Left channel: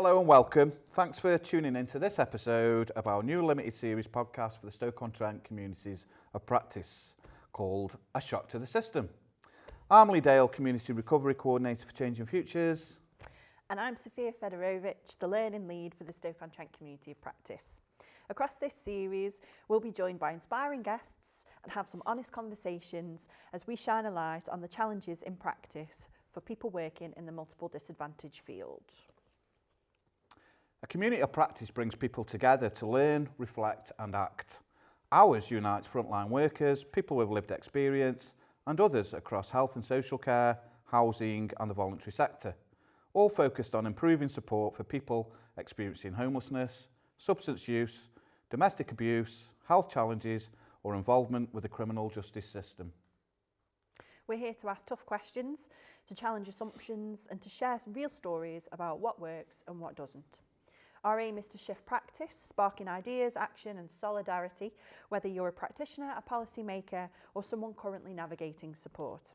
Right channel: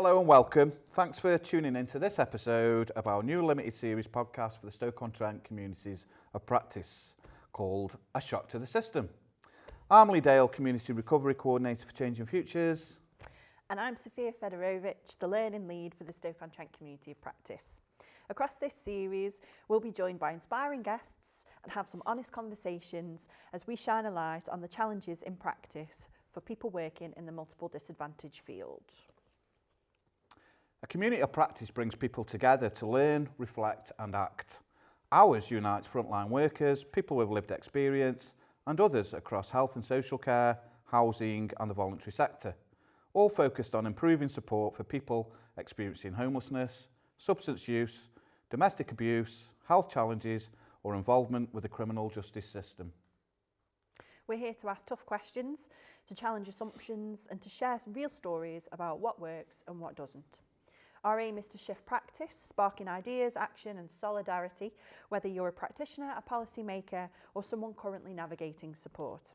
Hello and welcome. Thanks for tuning in to this episode of our new limited series podcast for the Stoke-on-Trent communities of practice called A Shock to the System. I'm Lee Dale, Community Recovery Coordinator for Changing Futures. And I'm Sophia Fedorovich, the Learning Lead for the Stoke-on-Trent community of practice. Across this series, we'll be joined by inspiring guests and have some honest conversations as we shine a light on the challenges in practice for people working in the multiple disadvantage field. A community of practice brings people together to learn, reflect and act. Ours unites frontline workers, people with lived experience and others across health and social care, housing and the voluntary sector, all focused on improving support for people experiencing homelessness, substance use, domestic abuse, health challenges or involvement with the criminal justice system. We're here to ask tough questions, to challenge assumptions and to share some real stories about what works and what doesn't. Our aim is to shift practice, sparking ideas, action and solidarity, whether you're a practitioner, a policymaker or someone currently navigating support.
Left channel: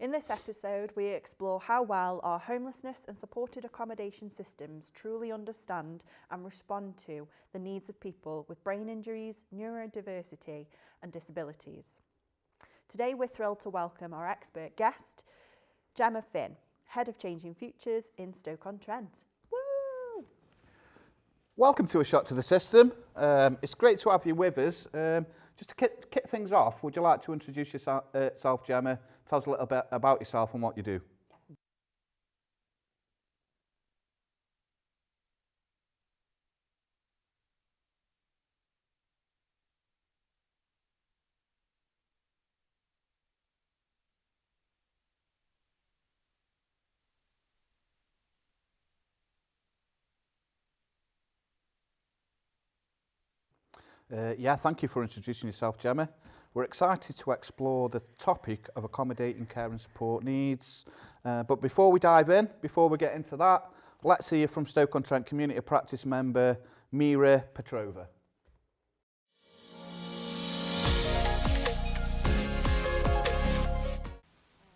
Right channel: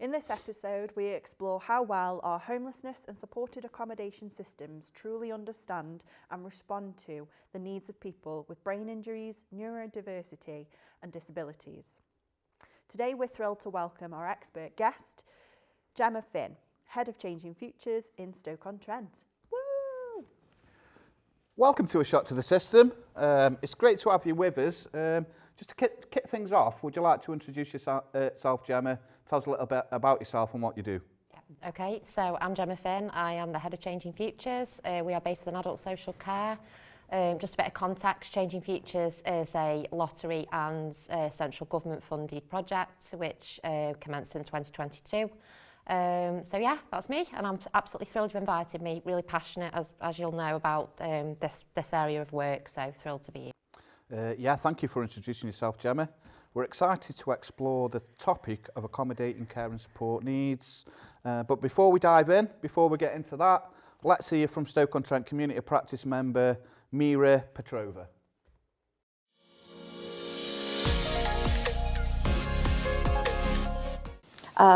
In this episode, we explore how well our homelessness and supported accommodation systems truly understand and respond to the needs of people with brain injuries, neurodiversity and disabilities. Today, we're thrilled to welcome our expert guest, Gemma Finn, Head of Changing Futures in Stoke-on-Trent. Welcome to A Shock to the System. It's great to have you with us. Just to kick things off, would you like to introduce yourself, Gemma? Tell us a little bit about yourself and what you do. Okay, so I'm Gemma Finn. I am the Head of Changing Futures. We are based in adult social care. Just a bit of context, Changing Futures is a lottery and central government funded project which commenced in 2022. So yeah, that's me, and I'm absolutely thrilled you invited me. Really passionate, as you'll know, about this area of work, so thrilled to be here. Yeah, thank you for introducing yourself, Gemma. We're excited to explore the topic of accommodating care and support needs. But before we dive in, before we get into that, let's hear from Stoke-on-Trent Community Practice member Mira Petrova.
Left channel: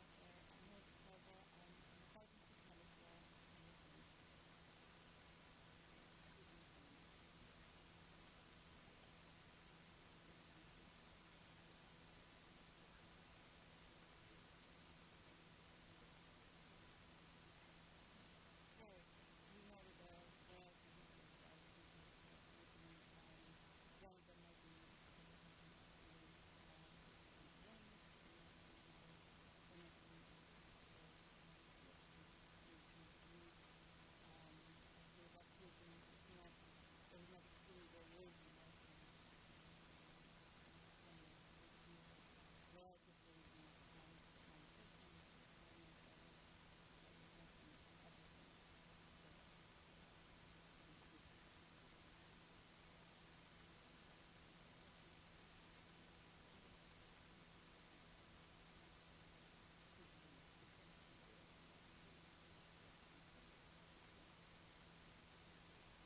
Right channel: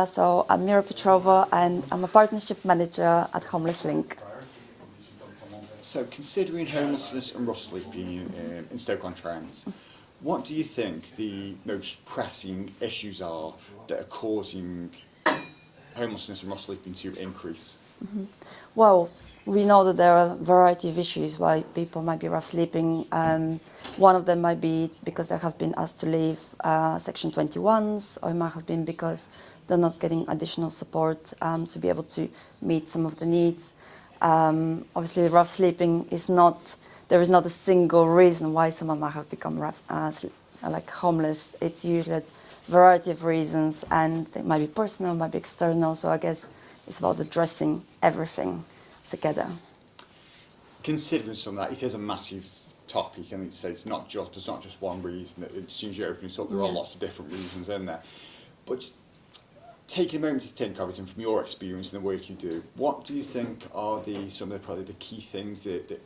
So I'm Mira Petrova and I'm a partnership manager at Homeless Link. So considering homelessness and rough sleeping in Stoke-on-Trent, what do you think the most pressing issues are that are causing homelessness and rough sleeping to increase? Mm-hmm. Well, we know that there are a variety of issues why people might be rough sleeping. One of them might be because they have been asked to leave Section 21s, or it might have been because they're not getting additional support to be able to meet some of the needs. Obviously, rough sleeping is not, there is not a single reason why someone might have become like homeless. It's usually a variety of reasons, and it might be personal, might be external. So I guess it's about addressing everything together. Considering some of that, it is a massive topic, and it's not just, there's not just one reason. As soon as you open it up, there are lots of different reasons in there. But just taking a moment to think of it, and from your experience and the work you do, what do you think are some of the key things that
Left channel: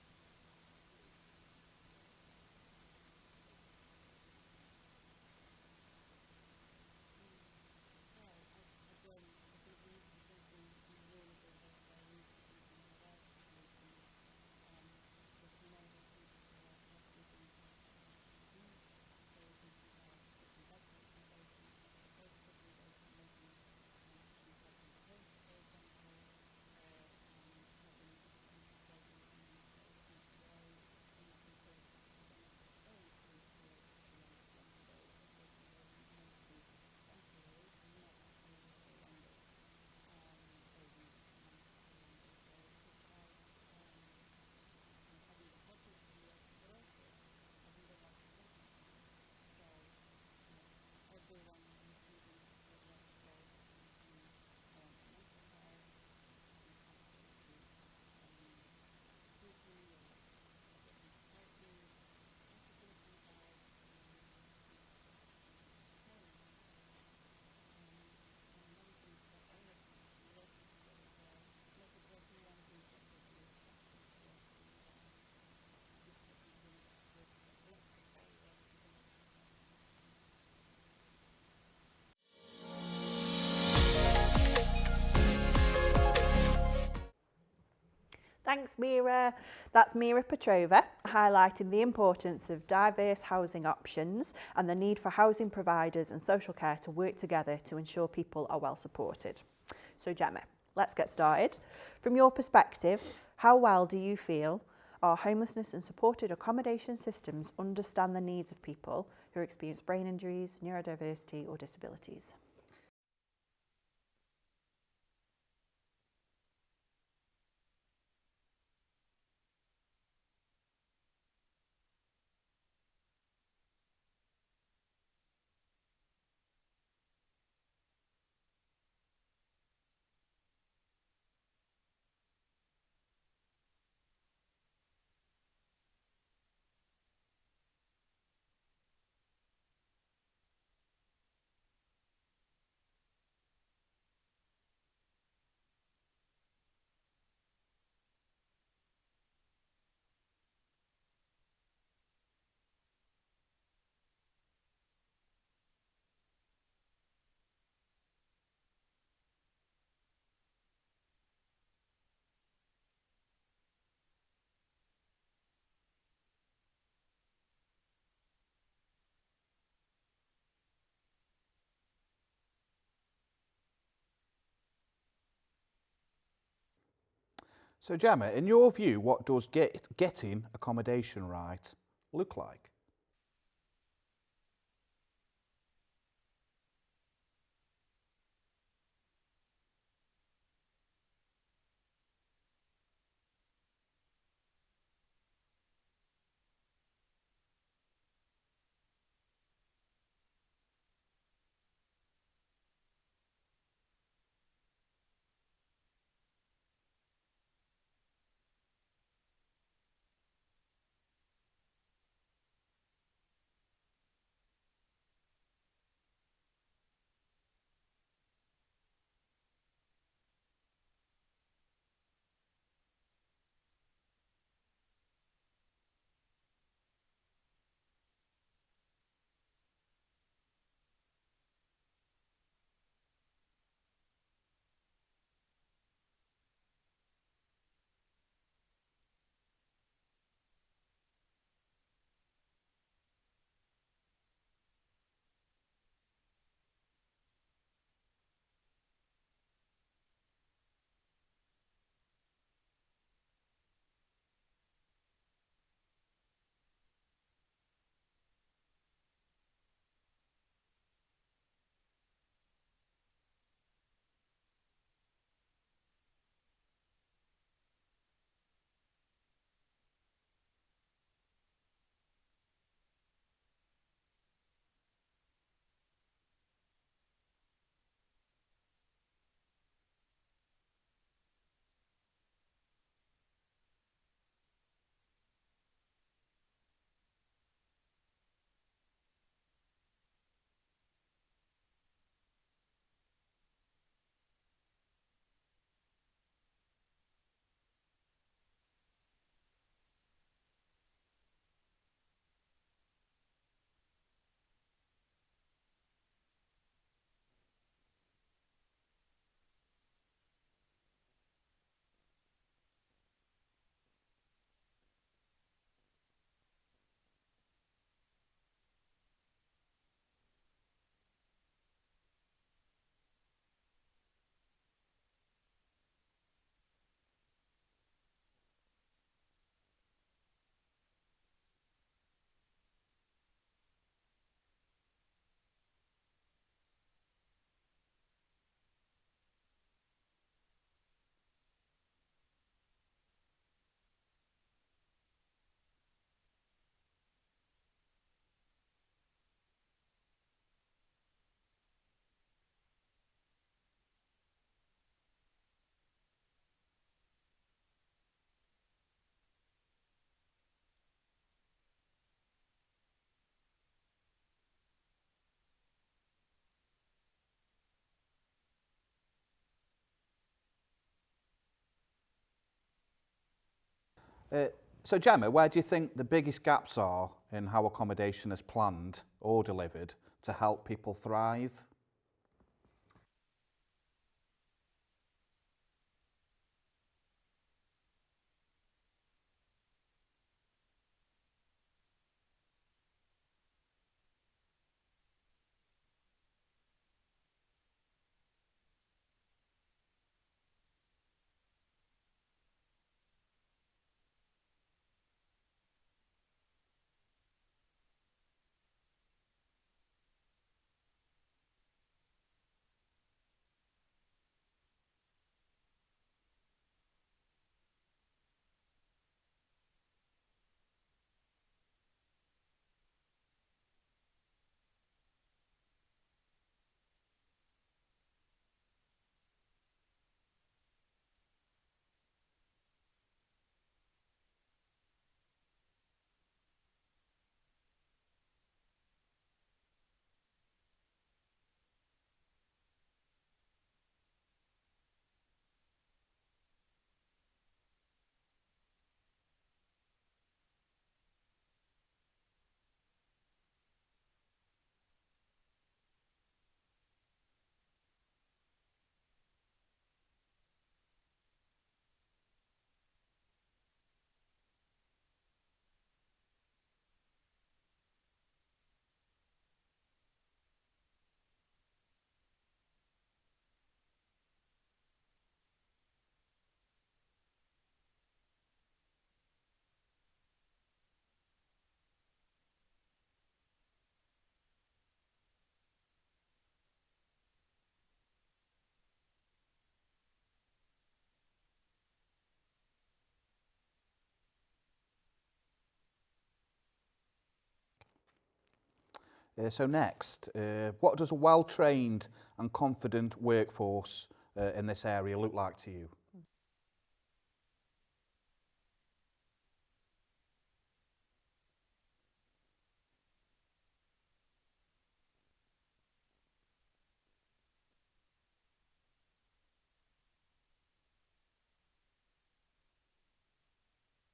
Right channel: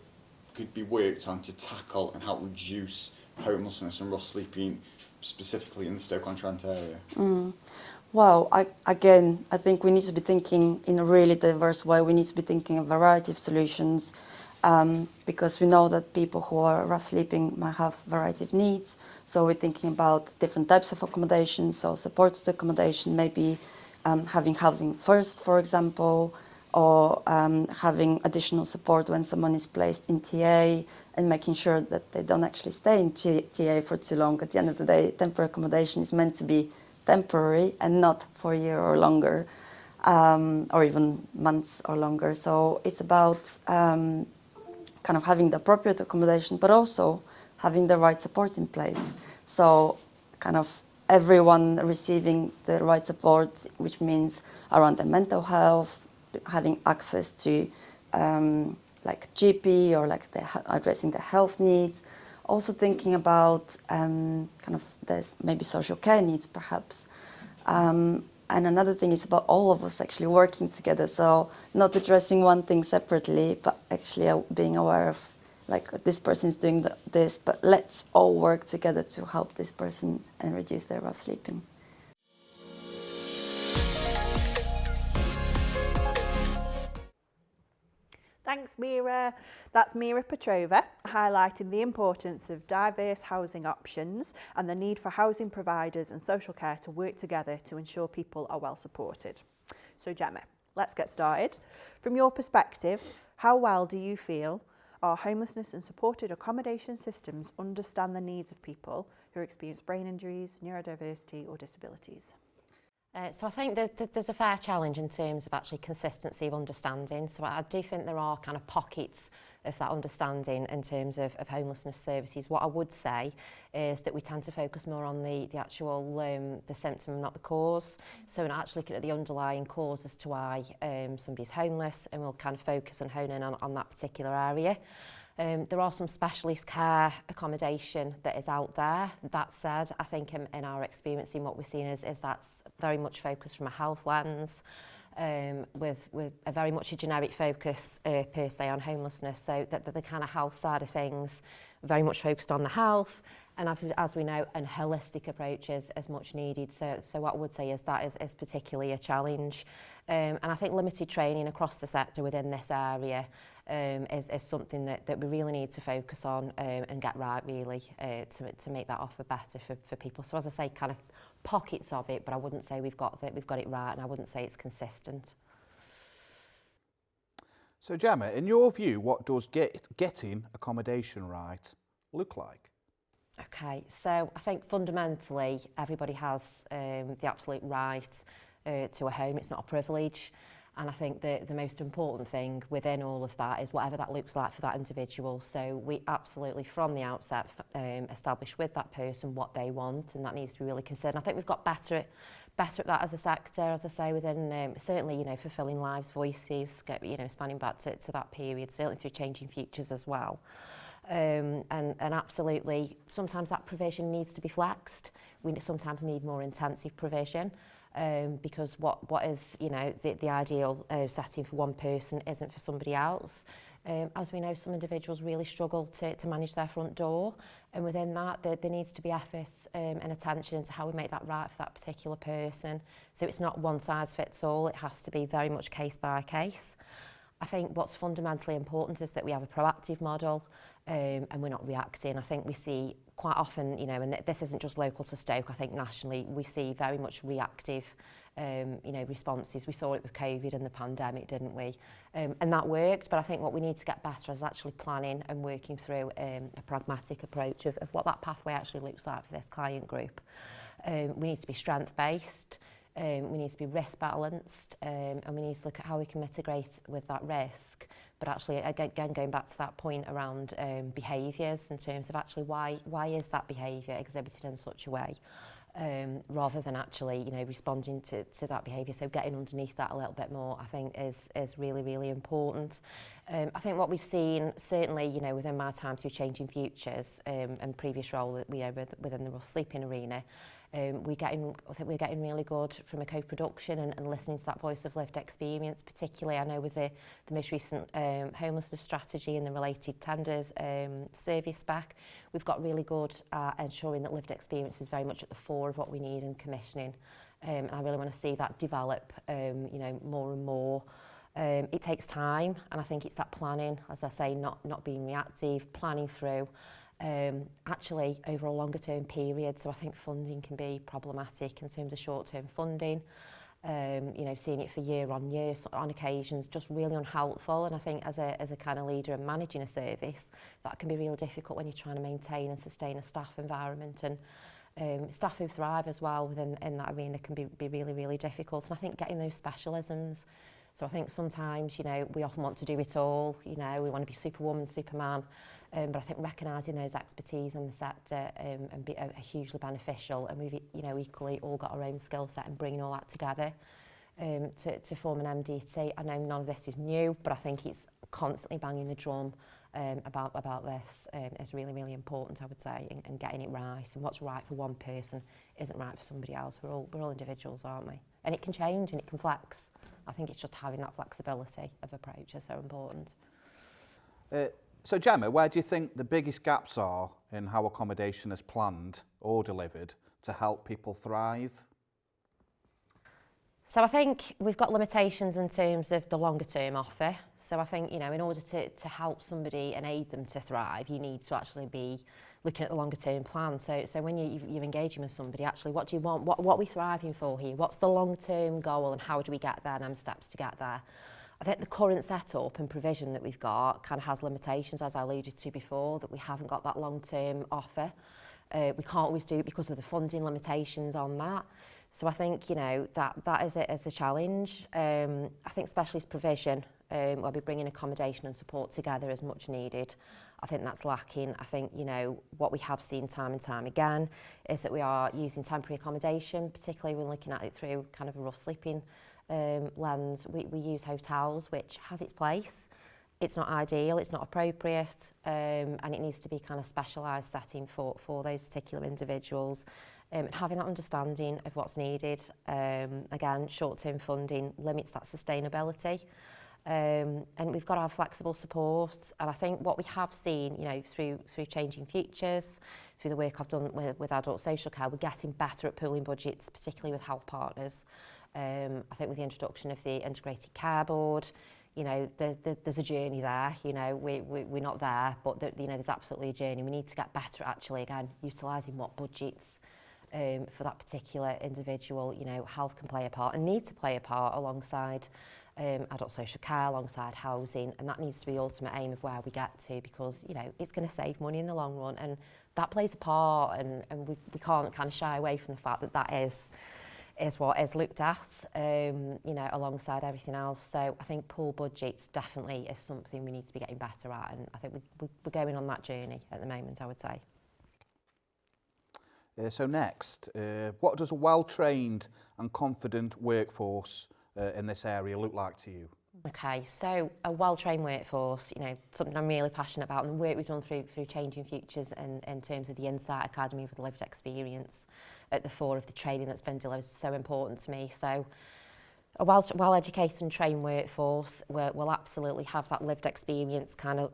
could be worked on to tackle and help reduce homelessness and rough sleeping, specifically in the Stoke-on-Trent area? Well, I think we need to be thinking in a really diverse way. We need to be thinking of a variety of solutions because we know that people who are rough sleeping might have a variety of needs. So we're thinking about different types of accommodation, so supported accommodation, maybe having housing first, for example, or having additional support when someone is placed in TA and making sure that they don't actually stay in TA for too long. At the end of the day, temporary accommodation is meant to be temporary and not for a year or longer, or even months or longer. So it's about kind of having the appropriate accommodation, but also having the right support in place. So kind of everyone receiving the right support, which means around their mental health, having access to like GP or like addressing their health needs. Also thinking about kind of there's maybe social care needs perhaps. And another thing is about all of us actually working together. So not addressing one thing separately, but actually being aware of like this person is doing this, but let's all work together to help this person and reduce their rough sleeping. Thanks, Mira. That's Mira Petrova, highlighting the importance of diverse housing options and the need for housing providers and social care to work together to ensure people are well supported. So Gemma, let's get started. From your perspective, how well do you feel our homelessness and supported accommodation systems understand the needs of people who experience brain injuries, neurodiversity or disabilities? So I think that there's a fair challenge in terms of actually consistency of understanding. So I do think there are kind of pockets of that understanding in terms of homelessness services. What I would say is that we tend to focus more on the actual the symptom, not the cause. So we're not actually looking at the underlying cause as to why somebody's homeless, and we'll kind of focus and hone in on that particular area. There are some specialist care accommodation that is out there. That said, I think in our experience, in what we've seen is that's very much focused from a health lens, with a very much a generic focus per se on homelessness. So that the kind of health side of things, very much focused on the health, and as we know, a holistic approach is much needed. So what I would say is that is particularly a challenge. And I think limited training across the sector within this area is something that we really need to focus on and get right, really, to make that offer better for people. So as I say, kind of pockets of it, but I wouldn't say we've got it right, and I wouldn't say it's consistent. So Gemma, in your view, what does getting accommodation right look like? Okay, so I think fundamentally everybody has the absolute right to a home. It's not a privilege. And I think the most important thing within all of that is whatever that looks like for that individual. So we absolutely, from the outset, establish with that person what they want, and that needs to be really considered. And I think we've got better at that as a sector, as I say, within certainly, you know, fulfilling lives' voices, you know, spanning back to that period, certainly through Changing Futures as well. And absolutely, sometimes that provision needs to be flexed. We sometimes need more intensive provision. Because what is, you know, the ideal setting for one person isn't for somebody else. As we know, some individuals really struggle to manage their front door, and within that there needs to be effort and attention into how we make that right for that particular person. So it's not one size fits all, it has to be very much case by case. I think what's fundamentally important is that we have a proactive model, and we're not reacting. I think we see quite often, you know, and this isn't just local to Stoke, I think nationally we see very much reactive you know, responses. We saw it with COVID and the pandemic, didn't we? And that worked, but I think what we need to get better is actually planning and working through a pragmatic approach of what that pathway actually looks like for this client group. We need to be strength-based, we need to be risk-balanced, and we need to look at how we can mitigate with that risk. But actually, again, going back to that point around behaviours in terms of actually why is that behaviour exhibited in such a way, rather than actually, you know, responding to that behaviour. So getting underneath that a little bit more, I think, is really, really important. I think what we've seen, certainly, you know, within my time through Changing Futures and previous role that we have within the Rough Sleeping arena, I think we're getting really good from a co-production and listening to that voice of lived experience, particularly I know with the most recent homelessness strategy and the related tenders service spec, we've got really good at ensuring that lived experience is very much at the fore of what we need in commissioning, and I really want to see that develop you know, more and more. It takes time, and I think it's that planning, as I say, not being reactive, planning through. Actually over a longer term period, so I think funding can be problematic in terms of short term funding, you know, seeing it for year on year on occasions just really unhelpful. And I think as a kind of leader and managing a service, that can be really difficult when you're trying to maintain and sustain a staff environment, and staff who thrive as well in that arena can be really, really difficult. And I think getting those specialisms, so I think sometimes, you know, we often want to do it all, you know, we want to be superwoman, superman, but I think recognising those expertise in the sector and are hugely beneficial, and we've, you know, equally all got our own skill set, and bringing all that together to form an MDT. I know none of this is new, but I think it's constantly banging the drum about this is really, really important, I would say, and getting it right. And what's right for one person isn't right for somebody else. We're all individuals, aren't we? And it can change and it can flex. I think it's just having that flexibility of approach is so important. So Gemma, where do you think the biggest gaps are in how accommodation is planned or delivered to help people thrive? So I think we've got limitations in terms of the longer term offer. So I think, you know, in order to help somebody and aid them to thrive, you need to actually be looking at the longer term plan. So when you're engaging with somebody, actually, what do you want? What are we thriving for here? What's the long term goal and how do we get there, and steps to get there? I think the current setup and provision that we've got kind of has limitations, as I alluded to before, that we haven't got that long term offer. We can't always do it because of the funding limitations on that. So I think, you know, that is a challenge. I think specialist provision, where we're bringing accommodation and support together is much needed. I think that's lacking. I think, you know, what we have seen time and time again is that we are using temporary accommodation, particularly when looking at it through kind of a rough sleeping lens. We use hotels, which has its place. It's not ideal, it's not appropriate, and it needs to be kind of specialised setting for those particular individuals. And having that understanding of what's needed, again, short-term funding limits that sustainability. And we've got to have flexible support. And I think what we have seen, you know, through Changing Futures, through the work I've done with adult social care, we're getting better at pooling budgets, particularly with health partners. I think with the introduction of the integrated care board, you know, there's a journey there. You know, we're not there, but you know, there's absolutely a journey. We need to get better at actually, again, utilising what budgets for that particular individual. You know, health can play a part and need to play a part alongside adult social care, alongside housing, and that needs to be the ultimate aim of where we get to, because, you know, it's going to save money in the long run, and that plays a part, and we can't kind of shy away from the fact that that is what is looked at, you know, alongside everything else. So I think pool budgets definitely is something we need to be getting better at, and I think we're going on that journey at the moment, I would say. So next, what does a well-trained and confident workforce in this area look like to you? Okay, so a well-trained workforce, you know, something I'm really passionate about, and the work we've done through Changing Futures and in terms of the Insight Academy with lived experience at the fore of the training that's been delivered is so important to me. So a well-educated and trained workforce will absolutely have that lived experience kind of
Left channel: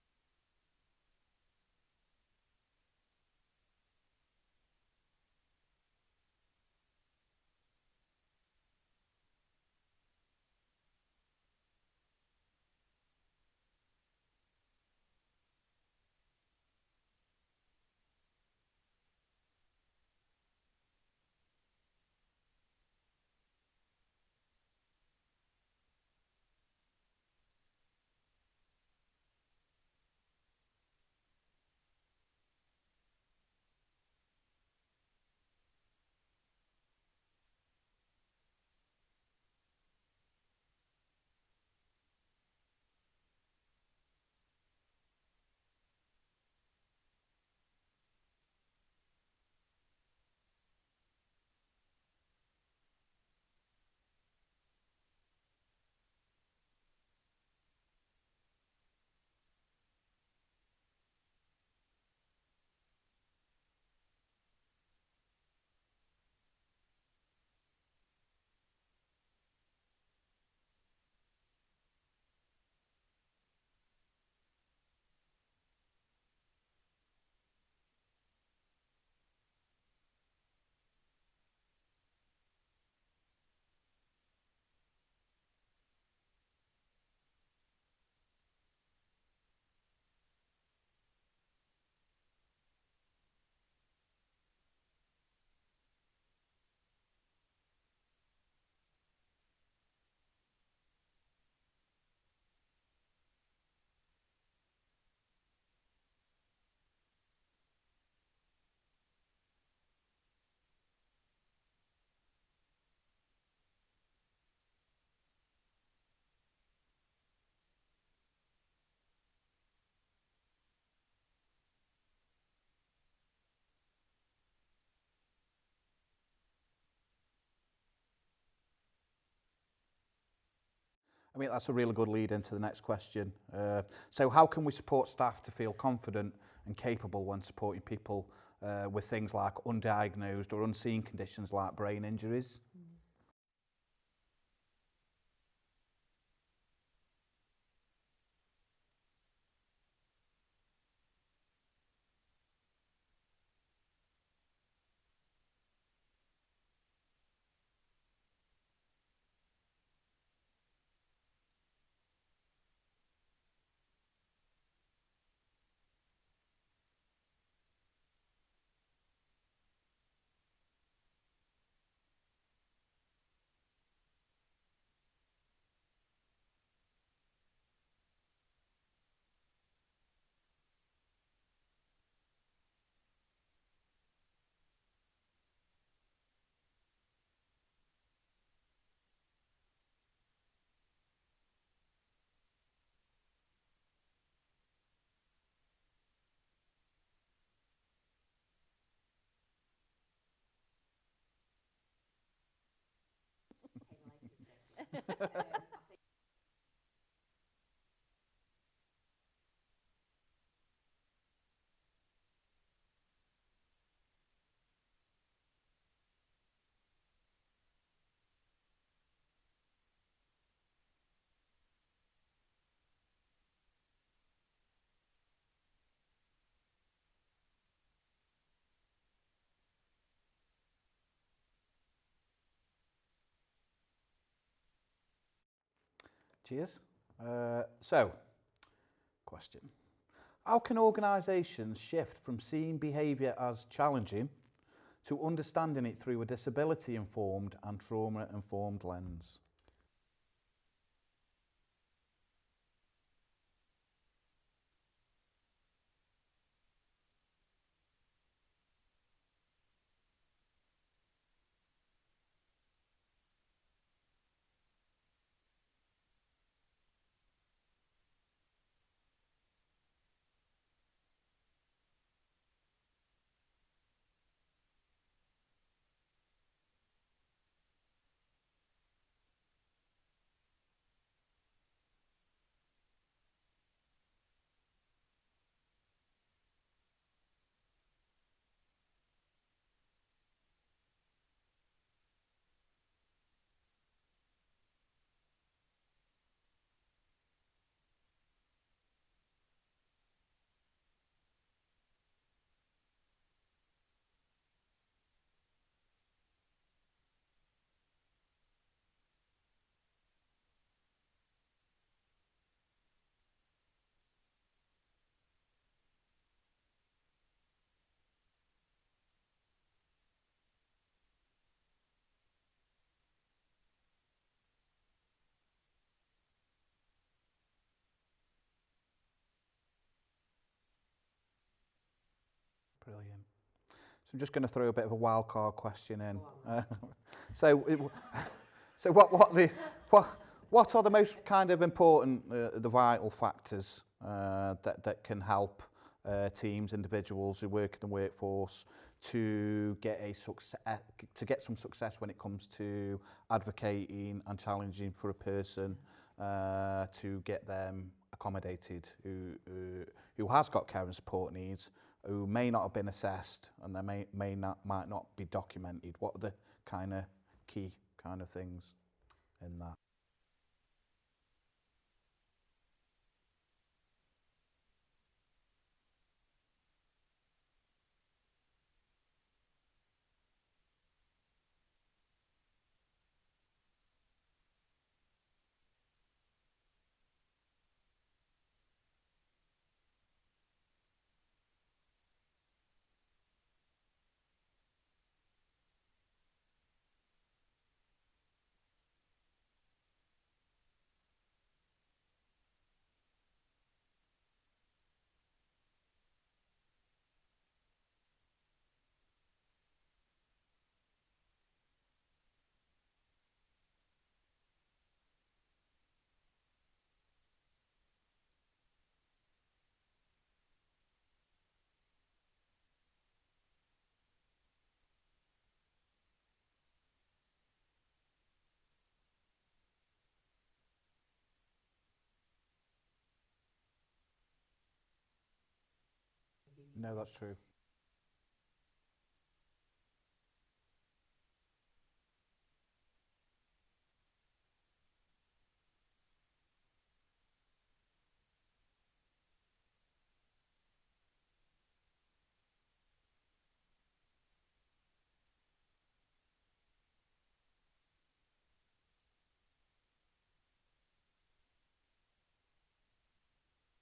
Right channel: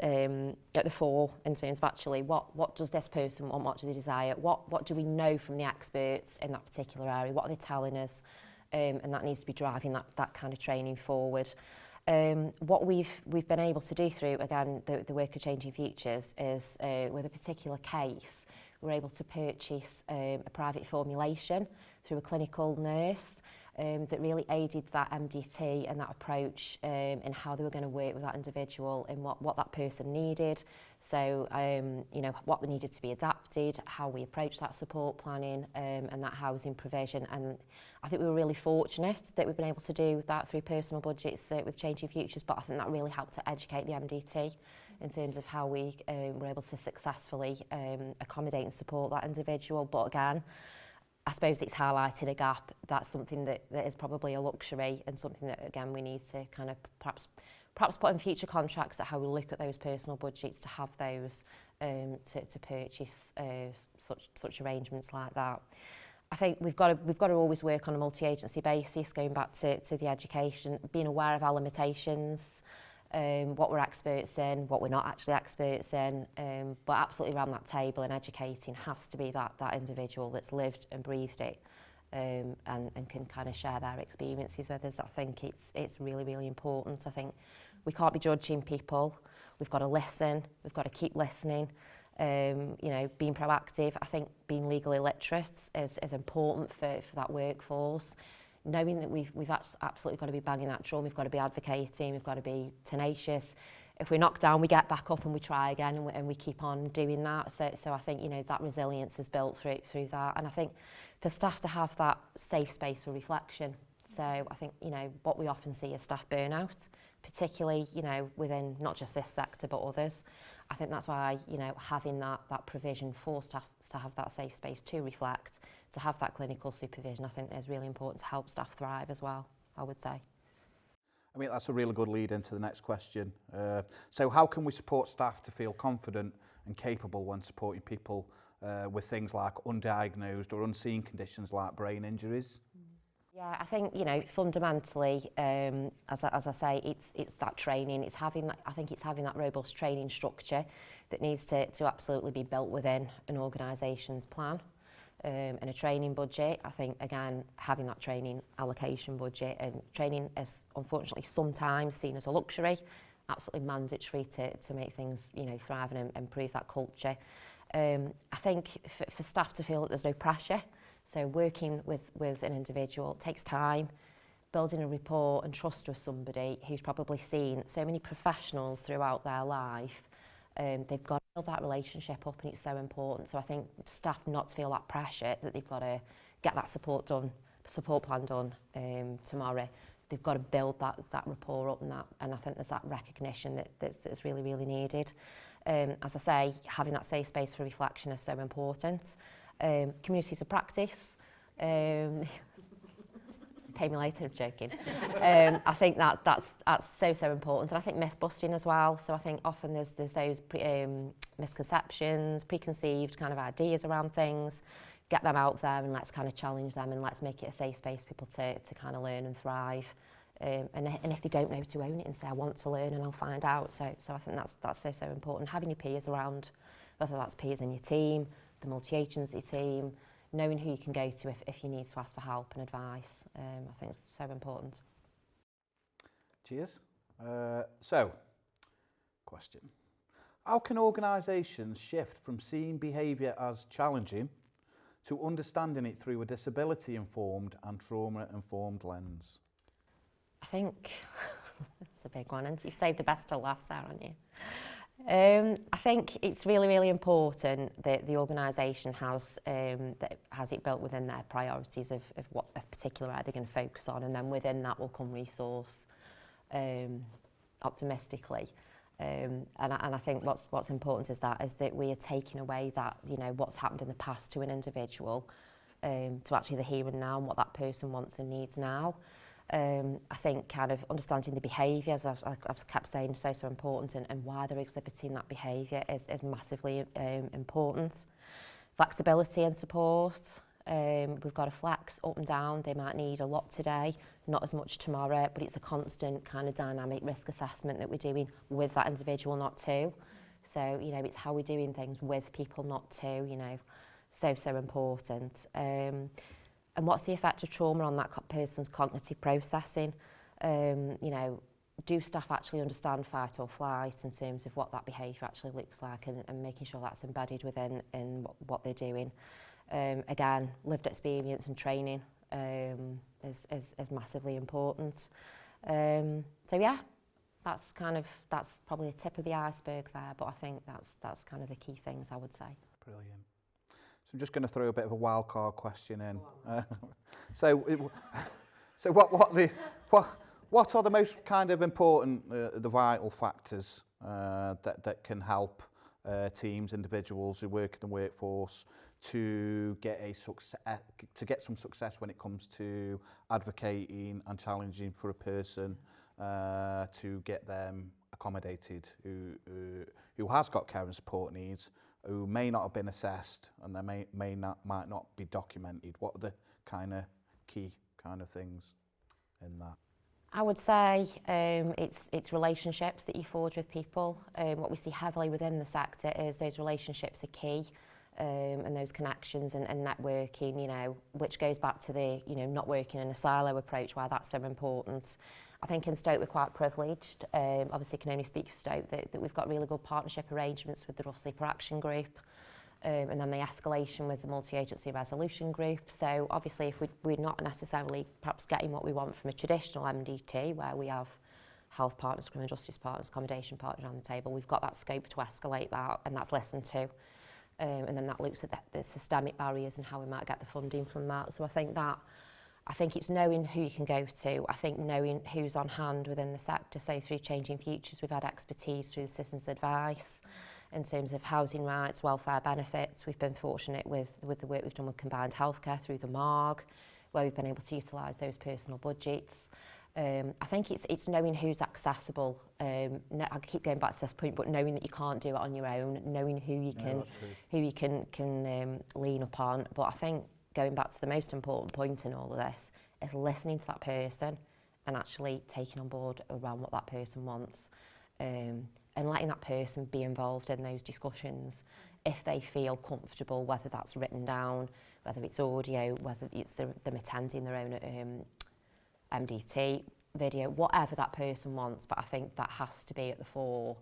at the fore in terms of actually what does this person want, what do they desire, what do we know from the experts in that particular area, what are they telling us, and that needs to be driving that kind of training forward. What we've been able to do through, again, the work of Changing Futures is with a particular case, we're able to purchase a private formulation through a clinical nurse that really aided that MDT and that approach in how they were going to work with that individual and what that person needed. So, you know, what needed to be adapted, how we approach that support planning and that housing provision. And I think we were really fortunate that we've been able to do that through personal budgets with Changing Futures, but I think that really helped to educate the MDT in terms of how we were able to successfully accommodate and support that individual. But again, I suppose it's highlighted a gap. That's something that is probably a luxury, and something that, again, we need to kind of perhaps put in future contracts, that how we look at those personal budgets to have those to purchase such arrangements like that. I think we've got to always work on a multi-agency basis, going back to the education, being aware of our limitations, what we're experts in, what we're not actually experts in, but absolutely around that table and educating has to be that individual that's lived and breathed it, and can kind of share their experiences with us. I think it's really, really important. I think we can't be judging people. We've got to listen. We've got to keep listening. You know, being proactive. I think being legally literate is important for that workforce. Knowing that we've absolutely got to be banging that drum, we've got to be advocating, we've got to be tenacious. If we're knocked down, we get back up and we try again, and we keep on doing that. So I think, you know, that resilience is built through that. And I think for staff to have that safe space for reflection. So I think, you know, what we often see is staff burnout, particularly, you know, within not just this sector but others. I think that's why, you know, having that provision for staff to have that safe space to reflect, to have that clinical supervision, I think is really important to help staff thrive as well, I would say. I mean, that's a really good lead into the next question. So how can we support staff to feel confident and capable when supporting people with things like undiagnosed or unseen conditions like brain injuries? Yeah, I think, you know, fundamentally, as I say, it's that training. It's having that robust training structure that needs to absolutely be built within an organisation's plan. and a training budget. I think, again, having that training allocation budget, and training is unfortunately sometimes seen as a luxury, absolutely mandatory to make things, you know, thrive and improve that culture. I think for staff to feel that there's no pressure, so working with an individual takes time, building a rapport and trust with somebody who's probably seen so many professionals throughout their life. They've got to build that relationship up, and it's so important. So I think staff not to feel that pressure that they've got to get that support plan done tomorrow. They've got to build that rapport up, and I think there's that recognition that's really, really needed. As I say, having that safe space for reflection is so important. Communities of practice. Pay me later, I'm joking. I think that's so important, and I think myth busting as well. So I think often there's those misconceptions, preconceived kind of ideas around things. Get them out there, and let's kind of challenge them, and let's make it a safe space for people to kind of learn and thrive. And if they don't know, to own it and say, I want to learn and I'll find out. So I think that's so important. Having your peers around, whether that's peers in your team, the multi-agency team, knowing who you can go to if you need to ask for help and advice, I think it's so important. Cheers. So, question. How can organisations shift from seeing behaviour as challenging to understanding it through a disability-informed and trauma-informed lens? I think that's a big one, and you've saved the best till last there, haven't you? I think it's really, really important that the organisation has it built within their priorities of what a particular area they're going to focus on, and then within that will come resource optimistically. And I think what's important is that we are taking away that, you know, what's happened in the past to an individual to actually the here and now and what that person wants and needs now. I think kind of understanding the behaviours, I've kept saying, so important, and why they're exhibiting that behaviour is massively important. Flexibility and support. We've got to flex up and down. They might need a lot today, not as much tomorrow, but it's a constant kind of dynamic risk assessment that we're doing with that individual, not to. So, you know, it's how we're doing things with people, not to, you know, so important. And what's the effect of trauma on that person's cognitive processing? You know, do staff actually understand fight or flight in terms of what that behaviour actually looks like, and making sure that's embedded within what they're doing? Again, lived experience and training is massively important. So yeah, that's probably a tip of the iceberg there, but I think that's kind of the key things I would say. Brilliant. So I'm just going to throw a bit of a wild card question in. So what are the most kind of important, the vital factors that can help teams, individuals who work in the workforce to get some success when it comes to advocating and challenging for a person to get them accommodated who has got care and support needs, who may not have been assessed, and they might not be documented? What are the kind of key kind of things in that? I would say it's relationships that you forge with people. What we see heavily within the sector is those relationships are key, and those connections and networking, you know, which goes back to the, you know, not working in a silo approach, why that's so important. I think in Stoke we're quite privileged. Obviously can only speak for Stoke, that we've got really good partnership arrangements with the Rough Sleeper Action Group, and then the escalation with the multi-agency resolution group. So obviously if we're not necessarily perhaps getting what we want from a traditional MDT, where we have health partners, criminal justice partners, accommodation partners on the table, we've got that scope to escalate that, and that's listened to. And then that looks at the systemic barriers and how we might get the funding from that. So I think it's knowing who you can go to. I think knowing who's on hand within the sector. So through Changing Futures, we've had expertise through the citizens' advice in terms of housing rights, welfare benefits. We've been fortunate with the work we've done with combined healthcare through the MARG, where we've been able to utilise those personal budgets. I think it's knowing who's accessible. I keep going back to this point, but knowing that you can't do it on your own, knowing who you can lean upon. But I think going back to the most important point in all of this is listening to that person and actually taking on board around what that person wants, and letting that person be involved in those discussions if they feel comfortable, whether that's written down, whether it's audio, whether it's them attending their own MDT video, whatever that person wants, but I think that has to be at the fore.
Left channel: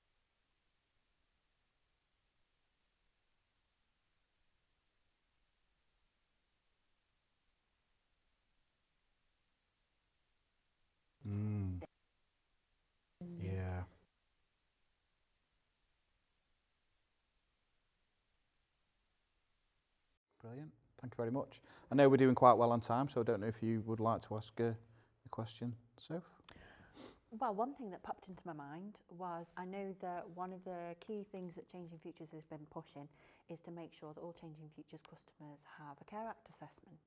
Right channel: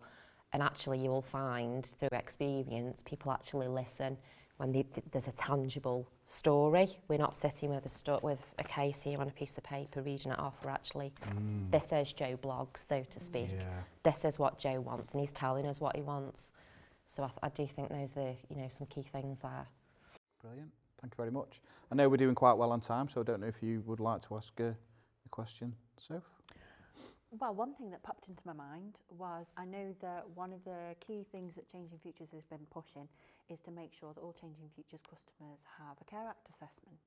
And actually you will find through experience, people actually listen when there's a tangible story. We're not sitting with a case here on a piece of paper reading it off. We're actually, this is Joe blogs, so to speak. Yeah. This is what Joe wants, and he's telling us what he wants. So I do think those are, some key things there. Brilliant. Thank you very much. I know we're doing quite well on time, so I don't know if you would like to ask a question, Soph? Well, one thing that popped into my mind was I know that one of the key things that Changing Futures has been pushing is to make sure that all Changing Futures customers have a Care Act assessment.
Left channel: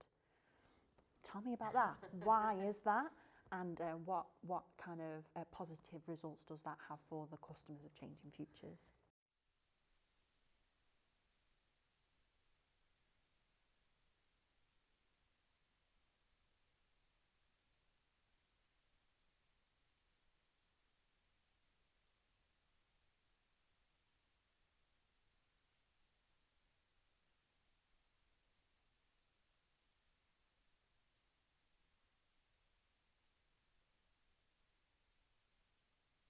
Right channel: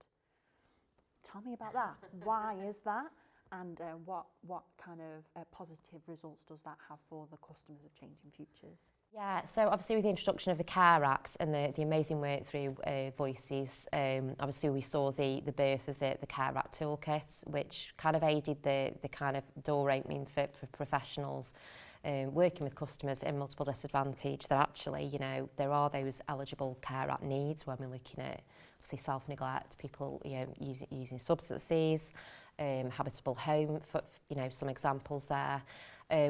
Tell me about that. Why is that? And what kind of positive results does that have for the customers of Changing Futures? Yeah, so obviously with the introduction of the Care Act and the amazing work through Voices, obviously we saw the birth of the Care Act toolkit, which kind of aided the kind of door opening for professionals working with customers in multiple disadvantage, that actually, there are those eligible Care Act needs when we're looking at obviously self-neglect, people using substances, habitable home, for, some examples there.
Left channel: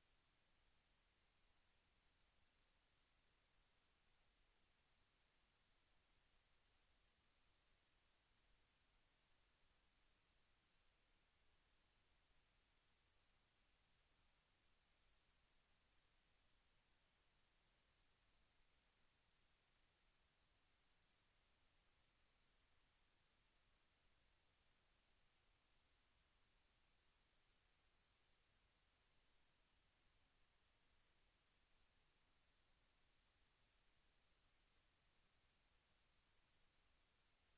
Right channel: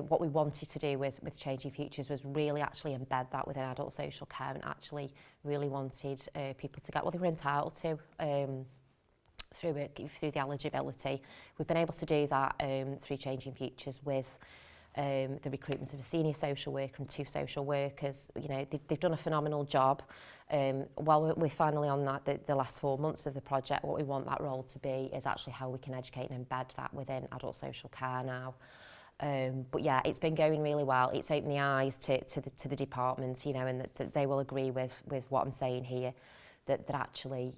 What we wanted to do with Changing Futures was really actually embed that within adult social care, and actually really wanted people to get what they were entitled to through the eligibility. We've been able to do that through Changing Futures with the recruitment of a senior social worker and 2 social workers. They've done a phenomenal job. While we're finally on that, the last 4 months of the project, what we want that role to be is actually how we can educate and embed that within adult social care now. But yeah, it's been going really well. It's opened the eyes to the departments, and that they will agree with what I'm saying here, that actually,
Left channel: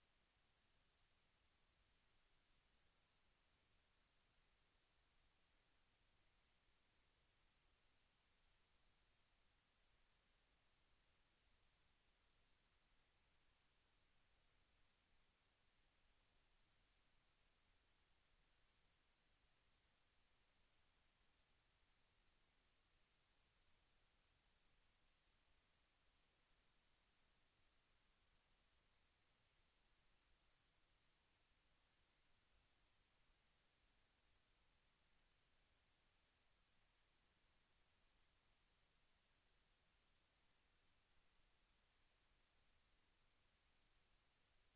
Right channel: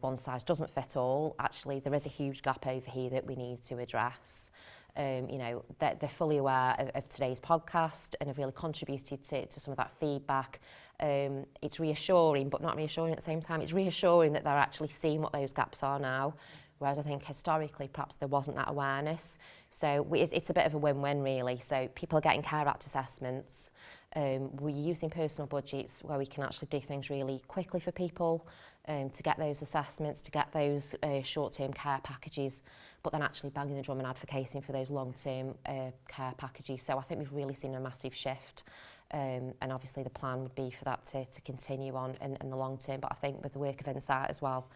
one size doesn't fit all. Actually, there is a huge gap over here that we need to address. They're fully aware of today's podcast and have really contributed to some of that feedback. It's reassuring, but not reassuring at the same time. It's reassuring that they're actually seeing what those gaps are now, whereas I think historically perhaps there wasn't that awareness. So it's a bit of a win-win really. So people are getting Care Act assessments. We're using personal budgets where we can actually do things really quickly for people to get those assessments, to get those short-term care packages, but then actually banging the drum and advocating for those long-term care packages. So I think we've really seen a massive shift. And obviously the plan would be for that to continue on in the long term. But I think with the work of Insight as well,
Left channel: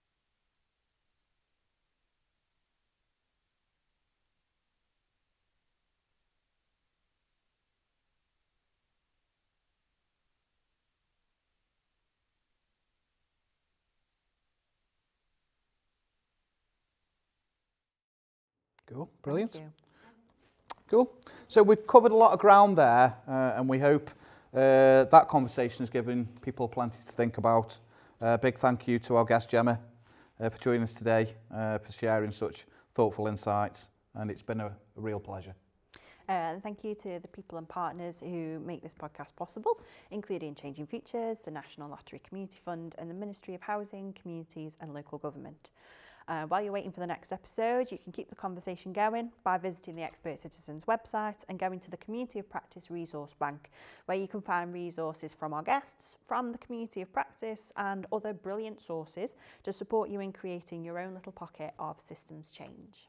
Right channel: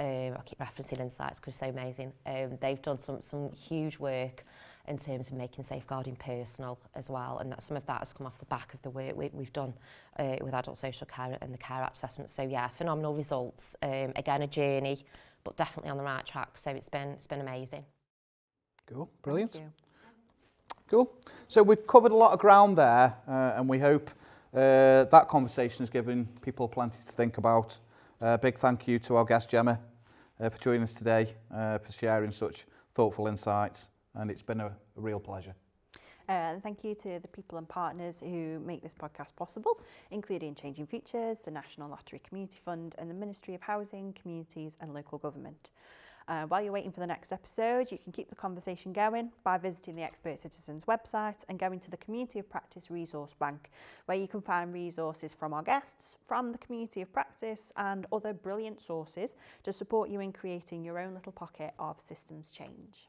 I keep referencing Insights because it's so amazing. They've done some huge work in terms of making safeguarding personal as well, and some of that has come off the back of the work we've done with adult social care and the Care Act assessment. So yeah, phenomenal results. Again, a journey, but definitely on the right track. So it's been amazing. Cool, brilliant. Thank you. Cool. So we've covered a lot of ground there, and we hope that conversation has given people plenty to think about. Big thank you to our guest Gemma for joining us today, for sharing such thoughtful insights, and it's been a real pleasure. Thank you to the people and partners who make this podcast possible, including Changing Futures, the National Lottery Community Fund, and the Ministry of Housing, Communities and Local Government. While you're waiting for the next episode, you can keep the conversation going by visiting the Expert Citizens website and going to the Community of Practice Resource Bank, where you can find resources from our guests, from the Community of Practice and other brilliant sources to support you in creating your own little pocket of systems change.